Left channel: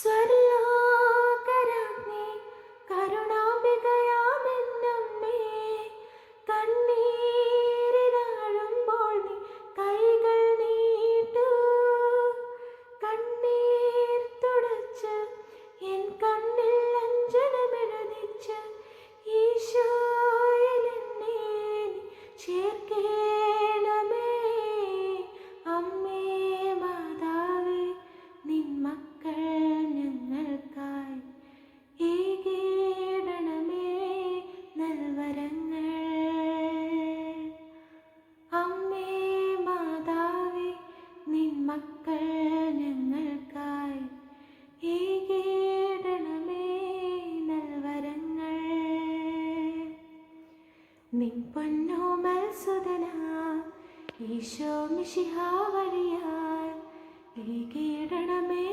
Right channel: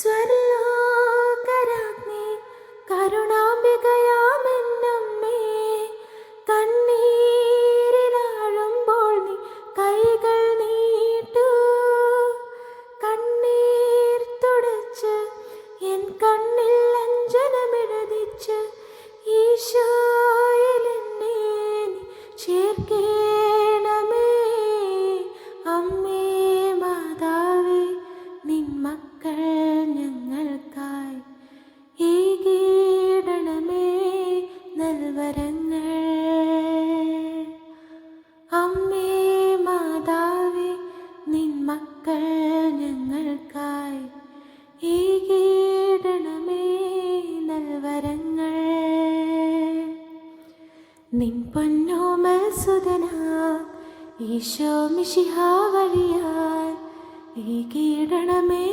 സ്വർലോകരാജ്ഞി കരുണാംബികയാമെന്നമ്മേ, കണ്ണീരിലാഴുമ്പോൾ നീ കൈകൾ നീട്ടൂ. കണ്ണീർ തുടച്ച് എൻ കണ്ണിൽ അഞ്ജനമെഴുതിച്ച് ഈശോയിൽ എന്നെ നീ ചേർക്കേണമേ. അമ്മേ മാതാവേ, നിൻ മക്കൾ ഞങ്ങൾക്കായി ഏകീടണമേ നൽവരങ്ങൾ. അമ്മേ മാതാവേ, നിൻ മക്കൾ ഞങ്ങൾക്കായി ഏകീടണമേ നൽവരങ്ങൾ. നിൻ പൊന്നോമൽ സുതനാ ഈശോ മിശിഹാ വഴിയാൽ ഏകീടണമേ